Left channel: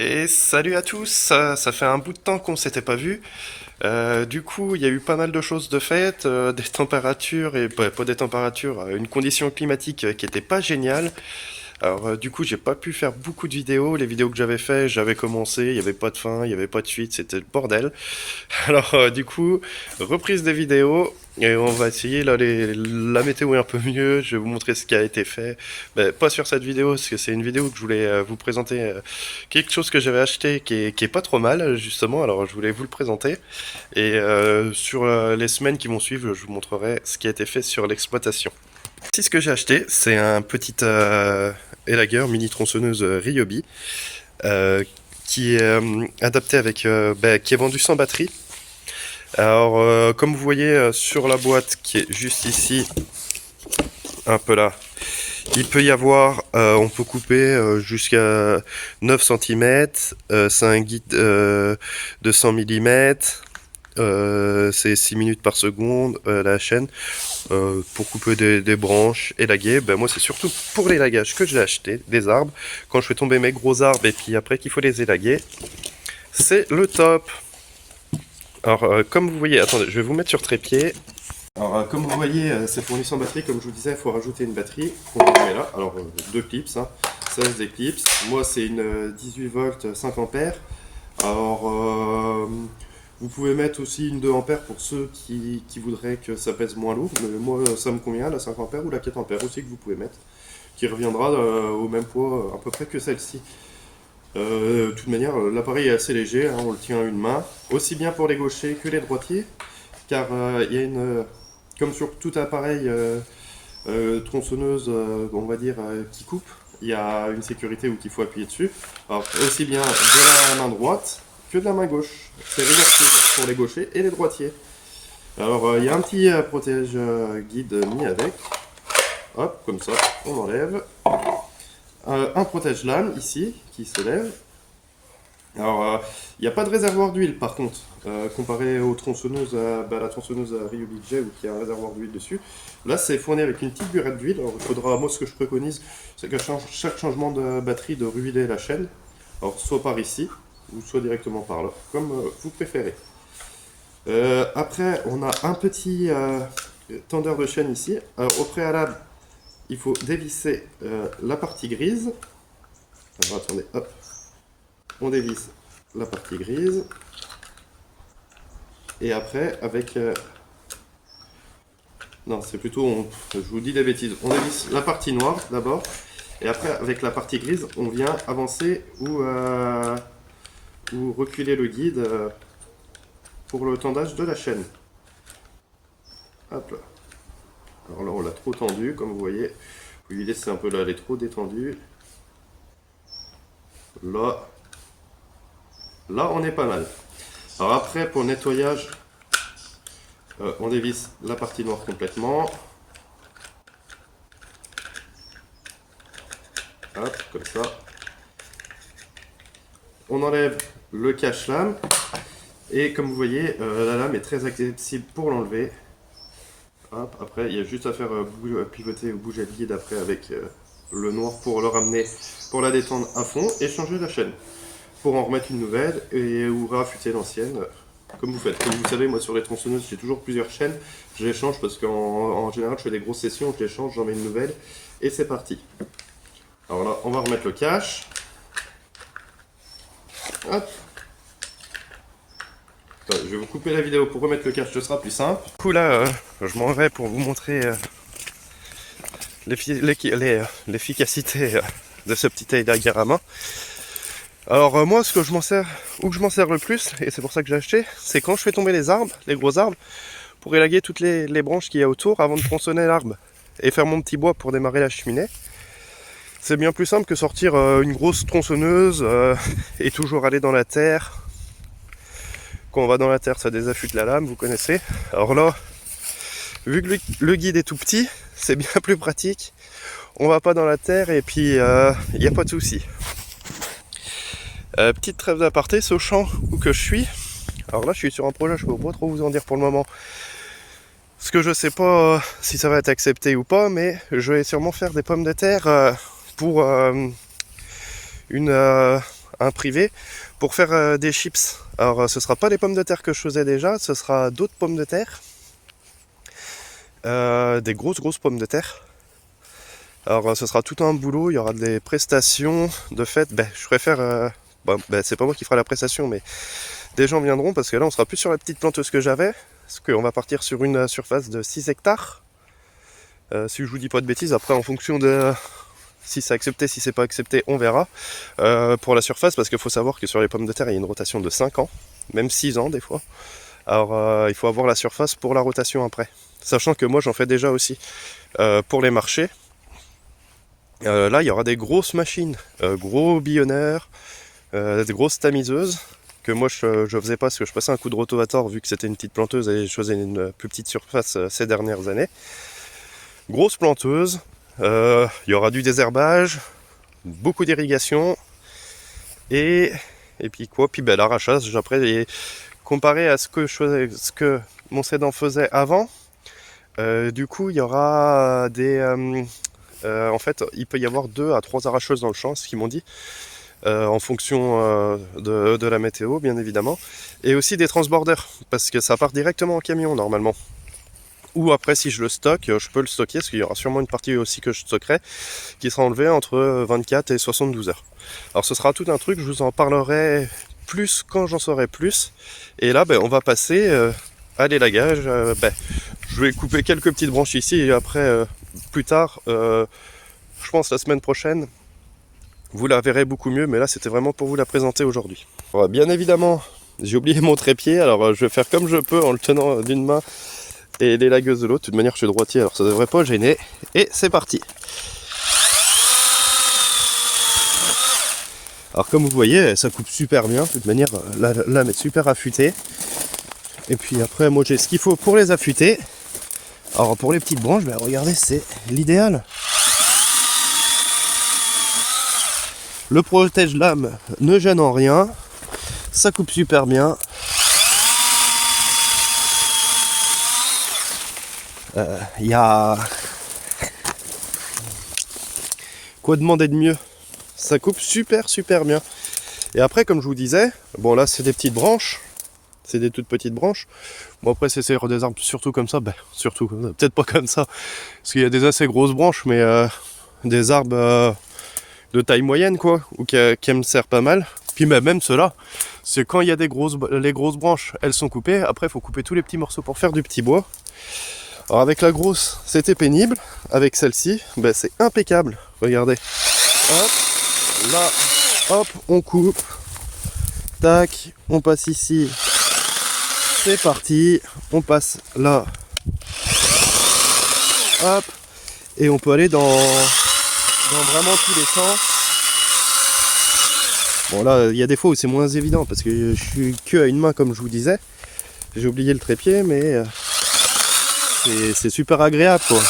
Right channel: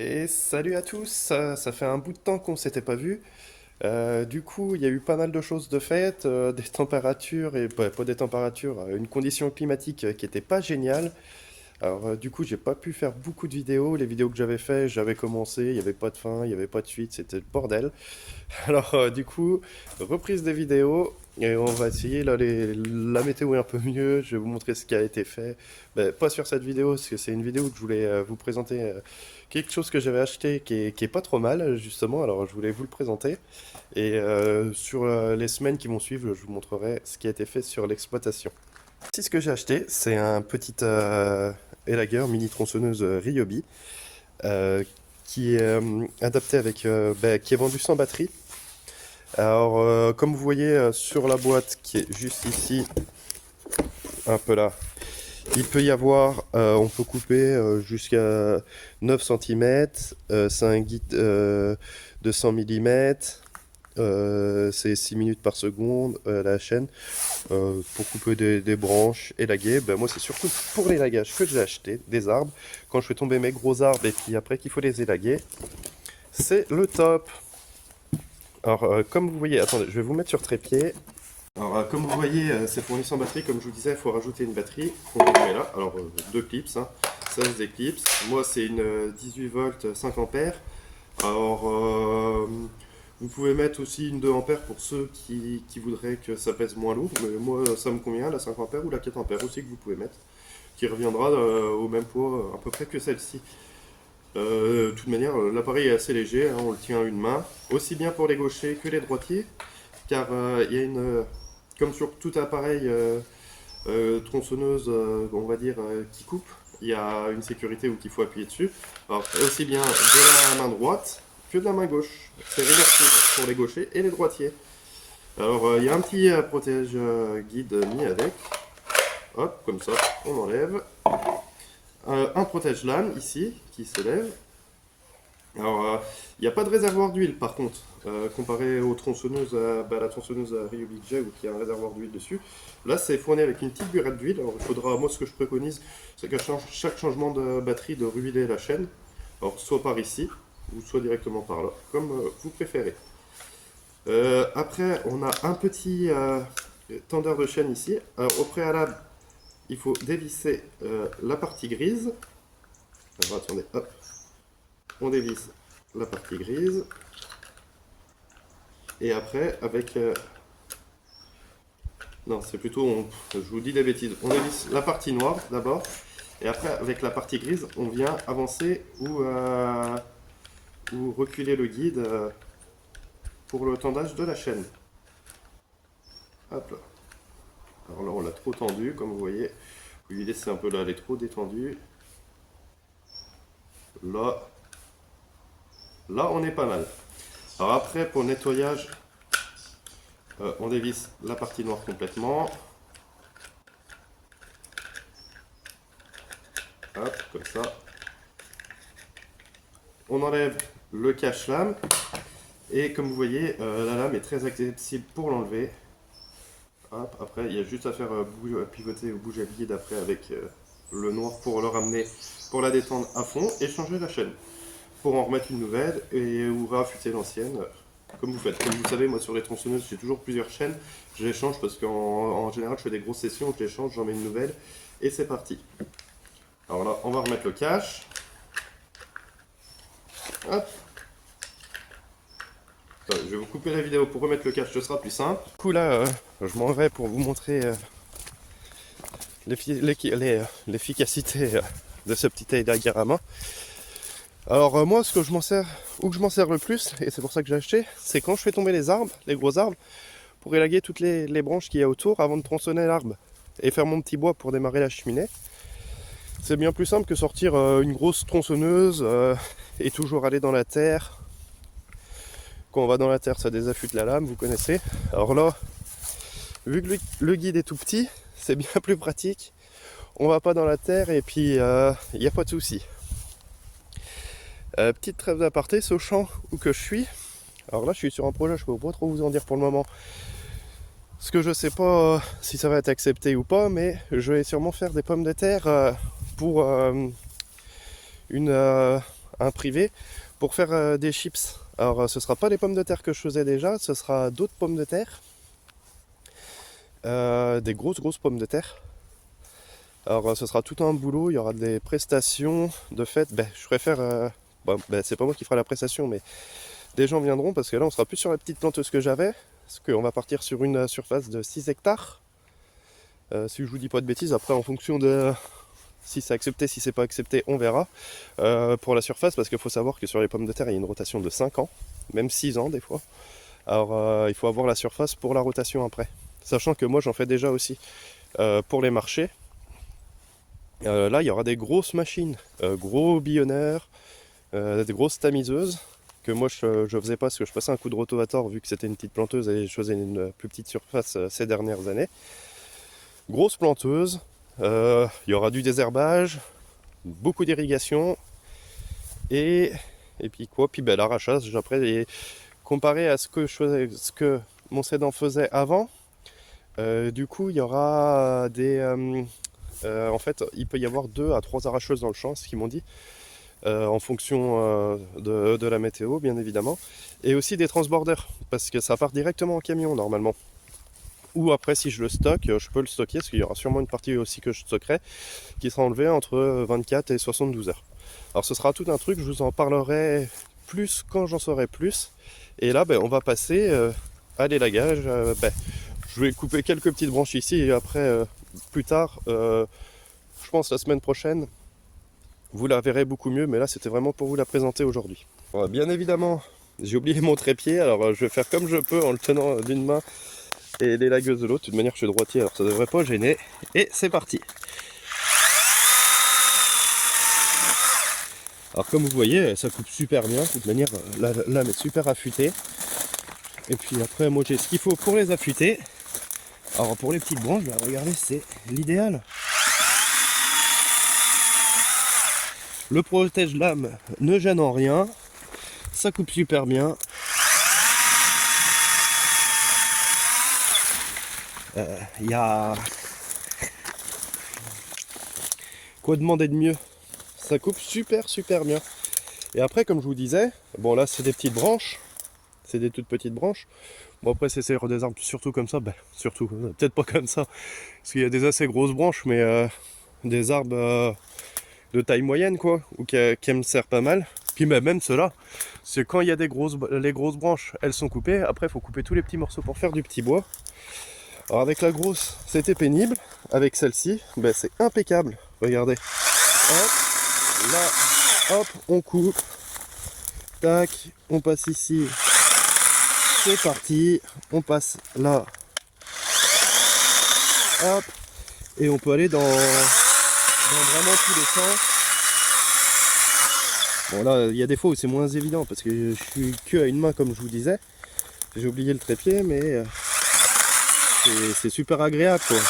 Et salut à tous, ça fait un bout de temps qu'on s'était pas vu. Du coup, il y a eu pas mal de choses de faites, des températures et pas des températures, une condition climatique qui était pas géniale. Alors, du coup, j'ai pas pu faire beaucoup de vidéos. Les vidéos que j'avais fait, j'avais commencé, il y avait pas de fin, il y avait pas de suite, c'était le bordel. Alors, du coup, reprise des vidéos. Et on va essayer, là, la météo est un peu mieux, je vais vous montrer ce qui a été fait. Ben, pas sur cette vidéo, parce que c'est une vidéo que je voulais vous présenter quelque chose que j'avais acheté qui est pas trop mal, justement, alors je voulais vous le présenter. Et sur les semaines qui vont suivre, je vous montrerai ce qui a été fait sur l'exploitation. Ici, ce que j'ai acheté, c'est un petit élagueur mini tronçonneuse Ryobi, euh, qui est adapté avec, qui est vendu sans batterie. Alors, comme vous voyez sur la boîte qui est juste ici, un peu là, il peut y avoir, on peut couper jusqu'à 9 cm, c'est un guide de 100 mm, c'est 6 minutes par seconde la chaîne, pour couper des branches, élaguer. Ben, moi c'est surtout pour l'élagage que je l'ai acheté, des arbres, quand je fais tomber mes gros arbres et puis après qu'il faut les élaguer, c'est le top. Alors, comme vous voyez, attendez, je vais vous mettre sur trépied. Alors, comme vous voyez, c'est fourni sans batterie. Comme je vous disais, il faut rajouter une batterie qu'on met là. Alors, deux clips, hein. 16 des clips. Moi, c'est une 18 volts 5 ampères. Alors, vous pouvez mettre aussi une 2 ampères pour ceux qui voudraient que ça pèse moins lourd. Mais moi, ça me convient, la 5 ampères ou la 4 ampères aussi que vous pouvez mettre. Qui reviendra au même poids à peu près que celle-ci. De toute manière, l'appareil est assez léger, hein, on le tient à une main. Aussi bien pour les gauchers que les droitiers. Car il y a une comme sur tout appareil tronçonneuse, on va dire, qui coupe, il y a une sécurité où il faut appuyer dessus. Alors, aussi bien de la main droite que de la main gauche. C'est réversible pour les gauchers et les droitiers. Alors, il y a un petit protège guide mis avec. Hop, comme ça, on enlève. Un protège lame ici, qui se lève. Alors, il n'y a pas de réservoir d'huile par contre, comparé aux tronçonneuses, la tronçonneuse à Ryobi J où il y a un réservoir d'huile dessus. Là, c'est fourni avec une petite burette d'huile. Alors, il faudra, moi, ce que je préconise, c'est qu'à chaque changement de batterie, de ruiler la chaîne. Alors, soit par ici, ou soit directement par là, comme vous préférez. Après, on a un petit tendeur de chaîne ici. Alors, au préalable, il faut dévisser la partie grise. Alors, attendez, hop, on dévisse la partie grise. Et après, avec... non, c'est plutôt... je vous dis des bêtises. On évite la partie noire d'abord. Et après, avec la partie grise, on vient avancer ou reculer le guide pour le tendage de la chaîne. Hop là. Alors là, on l'a trop tendu, comme vous voyez. Vous lui laissez un peu là, elle est trop détendue. Là, là, on est pas mal. Alors après, pour le nettoyage, on dévisse la partie noire complètement. Hop, comme ça. On enlève le cache-lame. Et comme vous voyez, la lame est très accessible pour l'enlever. Hop, après, il y a juste à faire pivoter ou bouger le guide après avec le noir pour le ramener, pour la détendre à fond et changer la chaîne. Pour en remettre une nouvelle et ou raffûter l'ancienne, comme vous faites. Comme vous savez, moi sur les tronçonneuses, j'ai toujours plusieurs chaînes. Je les change parce qu'en général, je fais des grosses sessions, je les change, j'en mets une nouvelle et c'est parti. Alors là, on va remettre le cache. Hop. Attends, je vais vous couper la vidéo pour remettre le cache, ce sera plus simple. Du coup là, je m'en vais pour vous montrer l'efficacité de ce petit élagueur à main. Alors moi, ce que je m'en sers, ou que je m'en sers le plus, et c'est pour ça que j'ai acheté, c'est quand je fais tomber les arbres, les gros arbres, pour élaguer toutes les branches qu'il y a autour avant de tronçonner l'arbre et faire mon petit bois pour démarrer la cheminée. C'est bien plus simple que sortir une grosse tronçonneuse et toujours aller dans la terre. Quand on va dans la terre, ça désaffûte la lame, vous connaissez. Alors là, vu que le guide est tout petit, c'est bien plus pratique. On va pas dans la terre et puis il n'y a pas de souci. Petite trêve d'aparté, ce champ où que je suis. Alors là, je suis sur un projet, je peux pas trop vous en dire pour le moment. Parce que je sais pas si ça va être accepté ou pas, mais je vais sûrement faire des pommes de terre pour un un privé pour faire des chips. Alors ce sera pas les pommes de terre que je faisais déjà, ce sera d'autres pommes de terre, des grosses pommes de terre. Alors ce sera tout un boulot, il y aura des prestations. De fait, je préfère, c'est pas moi qui fera la prestation, mais des gens viendront parce que là on sera plus sur la petite planteuse que j'avais, parce qu'on va partir sur une surface de 6 hectares. Si je vous dis pas de bêtises, après en fonction de si c'est accepté, si c'est pas accepté, on verra. Pour la surface, parce qu'il faut savoir que sur les pommes de terre, il y a une rotation de 5 ans, même 6 ans des fois. Alors il faut avoir la surface pour la rotation après. Sachant que moi j'en fais déjà aussi pour les marchés. Là il y aura des grosses machines, gros billonneurs, des grosses tamiseuses, que moi je faisais pas parce que je passais un coup de rotavator vu que c'était une petite planteuse et je faisais une plus petite surface ces dernières années. Grosse planteuse, il y aura du désherbage, beaucoup d'irrigation et puis quoi, puis l'arrachage après. Et comparé à ce que mon sédan faisait avant, du coup il y aura des en fait il peut y avoir 2 à 3 arracheuses dans le champ, ce qu'ils m'ont dit, en fonction de la météo bien évidemment, et aussi des transborders parce que ça part directement en camion normalement. Ou après si je le stocke, je peux le stocker parce qu'il y aura sûrement une partie aussi que je stockerai qui sera enlevée entre 24 et 72 heures. Alors ce sera tout un truc, je vous en parlerai plus quand j'en saurai plus. Et là on va passer à l'élagage. Je vais couper quelques petites branches ici et après plus tard, je pense la semaine prochaine, vous la verrez beaucoup mieux, mais là c'était vraiment pour vous la présenter aujourd'hui. Bien évidemment, j'ai oublié mon trépied, alors je vais faire comme je peux en le tenant d'une main et les lagueuses de l'autre. De toute manière je suis droitier, alors ça devrait pas gêner. Et c'est parti. Alors comme vous voyez, ça coupe super bien. De toute manière la lame est super affûtée. Et puis après moi j'ai ce qu'il faut pour les affûter. Alors pour les petites branches, regardez, c'est l'idéal. Le protège-lame ne gêne en rien. Ça coupe super bien. Il y a quoi demander de mieux, ça coupe super bien. Et après comme je vous disais, bon là c'est des petites branches, c'est des toutes petites branches. Bon après c'est des arbres surtout comme ça, surtout peut-être pas comme ça parce qu'il y a des assez grosses branches, mais des arbres de taille moyenne quoi, ou qui me servent pas mal. Puis même ceux-là, c'est quand il y a les grosses branches, elles sont coupées, après il faut couper tous les petits morceaux pour faire du petit bois. Alors avec la grosse, c'était pénible. Avec celle-ci, c'est impeccable. Regardez. Hop, là, hop, on coupe. Tac, on passe ici. C'est parti. On passe là. Hop. Et on peut aller dans vraiment tous les sens. Bon là, il y a des fois où c'est moins évident parce que je suis que à une main comme je vous disais. J'ai oublié le trépied, mais... c'est super agréable quoi.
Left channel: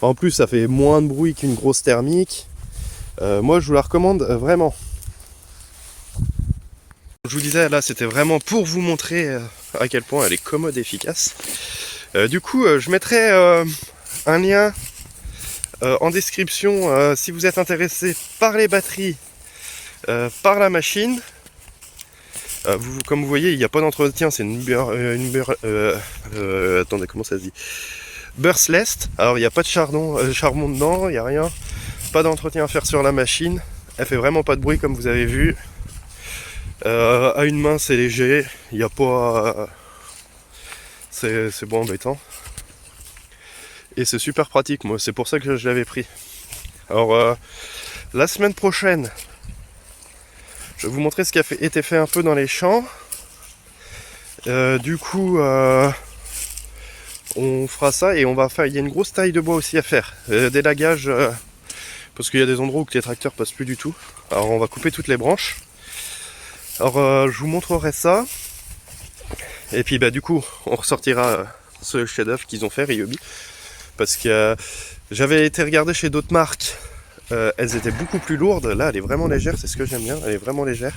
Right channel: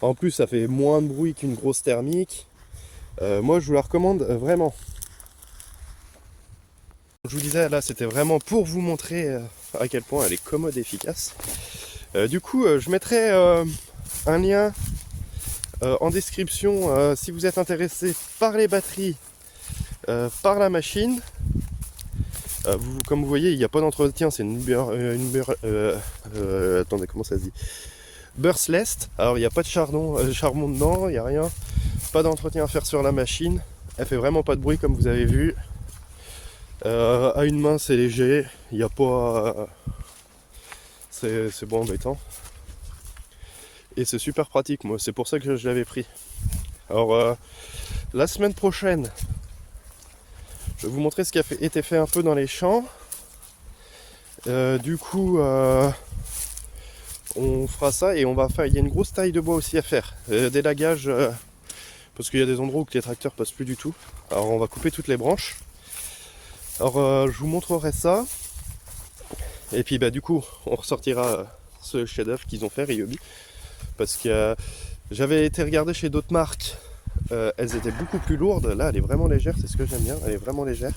En plus ça fait moins de bruit qu'une grosse thermique. Moi je vous la recommande vraiment. Je vous disais là c'était vraiment pour vous montrer à quel point elle est commode et efficace. Du coup je mettrai un lien en description si vous êtes intéressé par les batteries, par la machine. Comme vous voyez, il n'y a pas d'entretien, c'est attendez, comment ça se dit? Bursless. Alors il n'y a pas de charbon dedans, il n'y a rien. Pas d'entretien à faire sur la machine. Elle fait vraiment pas de bruit comme vous avez vu. À une main c'est léger, il n'y a pas... c'est bon embêtant. Et c'est super pratique, moi c'est pour ça que je l'avais pris. Alors la semaine prochaine, je vais vous montrer ce qui a été fait un peu dans les champs. Du coup, on fera ça et on va faire. Il y a une grosse taille de bois aussi à faire. Des lagages, parce qu'il y a des endroits où les tracteurs passent plus du tout. Alors on va couper toutes les branches. Alors je vous montrerai ça. Et puis du coup, on ressortira ce chef-d'œuvre qu'ils ont fait, Ryobi. Parce que j'avais été regarder chez d'autres marques. Elles étaient beaucoup plus lourdes. Là, elle est vraiment légère, c'est ce que j'aime bien. Elle est vraiment légère.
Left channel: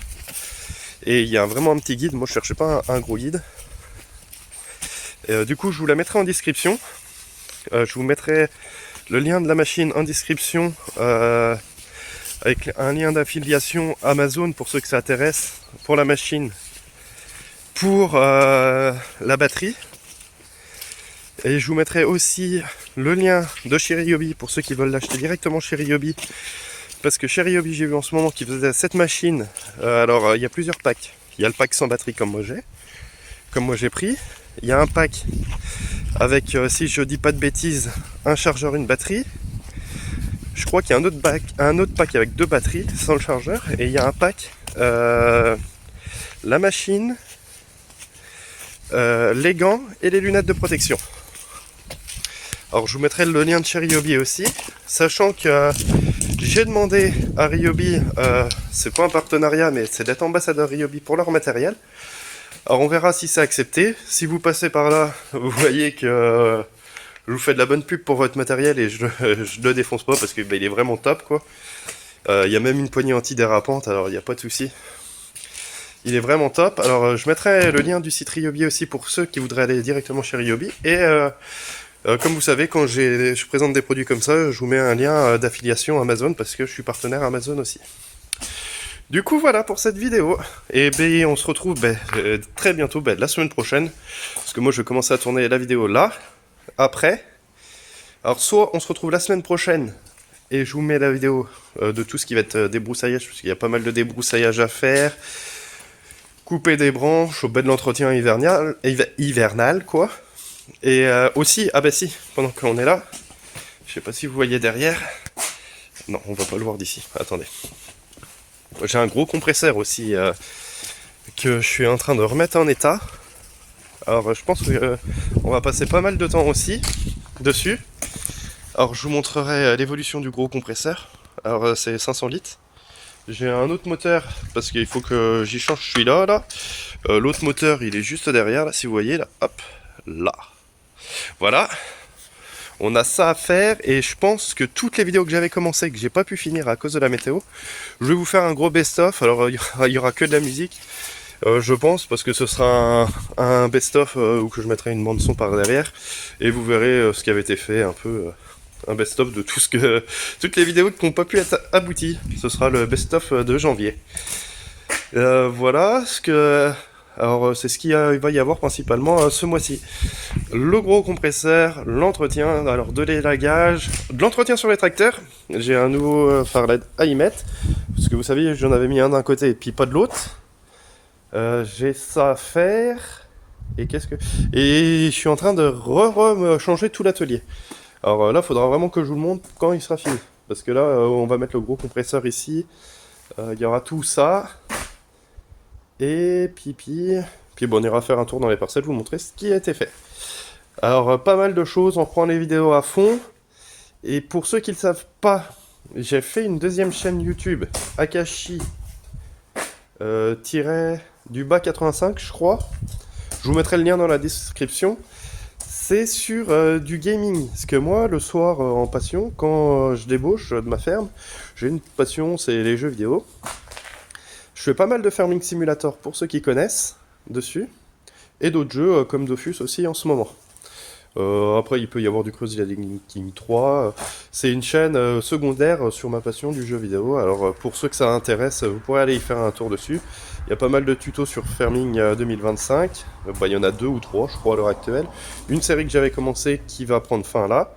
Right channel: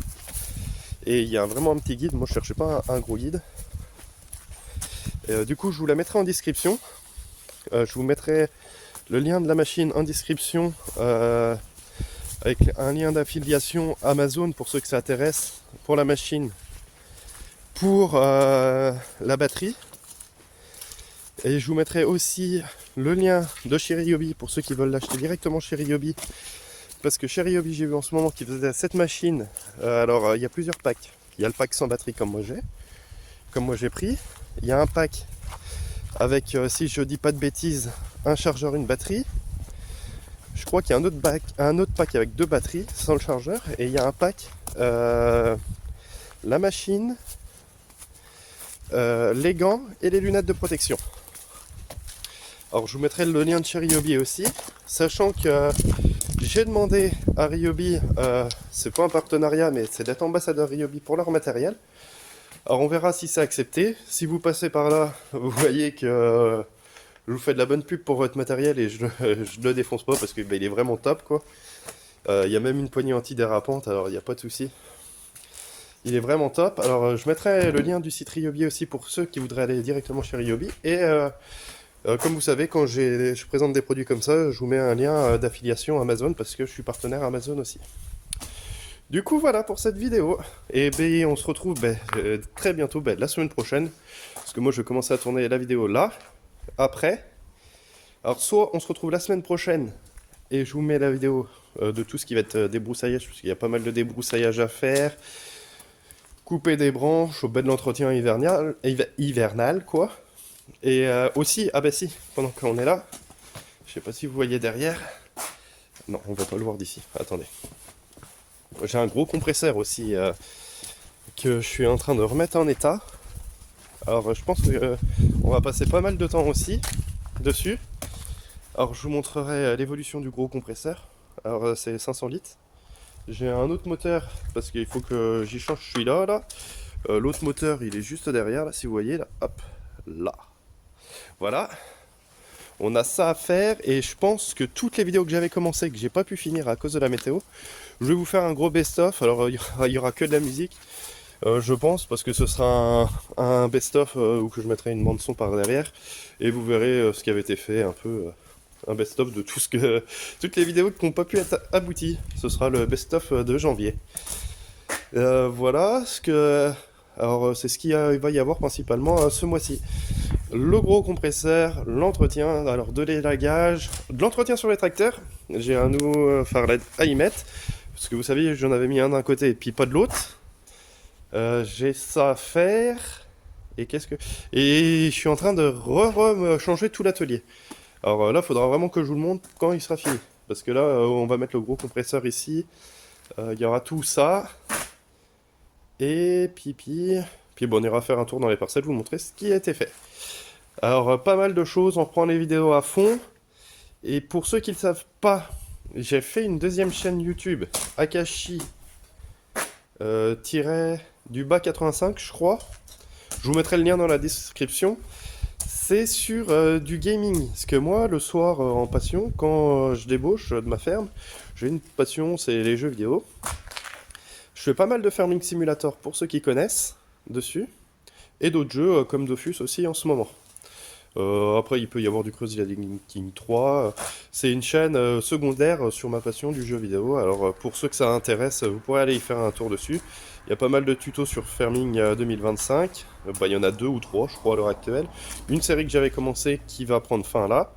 Et il y a vraiment un petit guide. Moi, je cherchais pas un gros guide. Du coup, je vous la mettrai en description. Je vous mettrai le lien de la machine en description avec un lien d'affiliation Amazon pour ceux que ça intéresse, pour la machine, pour la batterie. Et je vous mettrai aussi le lien de chez Ryobi pour ceux qui veulent l'acheter directement chez Ryobi. Parce que chez Ryobi, j'ai vu en ce moment qu'ils faisaient cette machine. Alors, il y a plusieurs packs. Il y a le pack sans batterie comme moi j'ai pris. Il y a un pack avec, si je dis pas de bêtises, un chargeur, une batterie. Je crois qu'il y a un autre pack avec 2 batteries sans le chargeur. Et il y a un pack, la machine, les gants et les lunettes de protection. Alors je vous mettrai le lien de chez Ryobi aussi, sachant que j'ai demandé à Ryobi, c'est pas un partenariat mais c'est d'être ambassadeur Ryobi pour leur matériel. Alors on verra si c'est accepté. Si vous passez par là, vous voyez que je vous fais de la bonne pub pour votre matériel et je le défonce pas parce que bah, il est vraiment top quoi. Il y a même une poignée antidérapante, alors il n'y a pas de souci. Il est vraiment top. Alors je mettrai le lien du site Ryobi aussi pour ceux qui voudraient aller directement chez Ryobi. Et comme vous savez, quand je présente des produits comme ça, je vous mets un lien d'affiliation Amazon parce que je suis partenaire Amazon aussi. Du coup, voilà pour cette vidéo. Et ben, on se retrouve très bientôt, la semaine prochaine. Parce que moi, je vais commencer à tourner la vidéo là, après. Alors, soit on se retrouve la semaine prochaine et je vous mets la vidéo de tout ce qui va être débroussaillage, parce qu'il y a pas mal de débroussaillage à faire. Couper des branches, au bas de l'entretien hivernal, quoi. Et aussi, ah bah si, pendant qu'on est là, je sais pas si vous voyez derrière, non, on va pas le voir d'ici, attendez. J'ai un gros compresseur aussi que je suis en train de remettre en état. Alors je pense que on va passer pas mal de temps aussi dessus. Alors je vous montrerai l'évolution du gros compresseur. Alors c'est 500 litres. J'ai un autre moteur parce qu'il faut que j'y change celui-là. Là. L'autre moteur il est juste derrière, là, si vous voyez, là, hop, là. Voilà, on a ça à faire et je pense que toutes les vidéos que j'avais commencé que j'ai pas pu finir à cause de la météo, je vais vous faire un gros best-of. Alors il y aura que de la musique, je pense, parce que ce sera un best-of où que je mettrai une bande son par derrière et vous verrez ce qui avait été fait, un peu un best-of de toutes les vidéos qui n'ont pas pu être abouties. Ce sera le best-of de janvier. Voilà ce que... Alors c'est ce qu'il va y avoir principalement ce mois-ci. Le gros compresseur, l'entretien, alors de l'élagage, de l'entretien sur les tracteurs. J'ai un nouveau phare LED à y mettre. Parce que vous savez, j'en avais mis un d'un côté et puis pas de l'autre. J'ai ça à faire. Et Et je suis en train de changer tout l'atelier. Alors là, il faudra vraiment que je vous le montre quand il sera fini. Parce que là, on va mettre le gros compresseur ici. Il y aura tout ça. Et puis bon, on ira faire un tour dans les parcelles, vous montrer ce qui a été fait. Alors, pas mal de choses, on reprend les vidéos à fond. Et pour ceux qui ne le savent pas, j'ai fait une deuxième chaîne YouTube, Akashi du bas 85, je crois. Je vous mettrai le lien dans la description. C'est sur du gaming. Parce que moi, le soir, en passion, quand je débauche de ma ferme, j'ai une passion, c'est les jeux vidéo. Je fais pas mal de Farming Simulator pour ceux qui connaissent dessus, et d'autres jeux comme Dofus aussi en ce moment. Après, il peut y avoir du Crusader King 3. C'est une chaîne secondaire sur ma passion du jeu vidéo. Alors, pour ceux que ça intéresse, vous pourrez aller y faire un tour dessus. Il y a pas mal de tutos sur Farming 2025. Il y en a 2 ou 3, je crois, à l'heure actuelle. Une série que j'avais commencé qui va prendre fin là.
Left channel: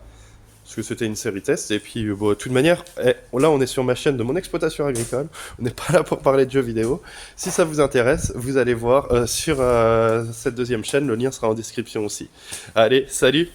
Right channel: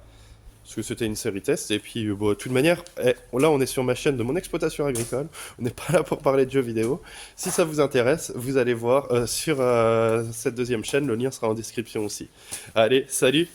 Parce que c'était une série test, et puis bon, de toute manière, là on est sur ma chaîne de mon exploitation agricole, on n'est pas là pour parler de jeux vidéo. Si ça vous intéresse, vous allez voir sur cette deuxième chaîne, le lien sera en description aussi. Allez, salut!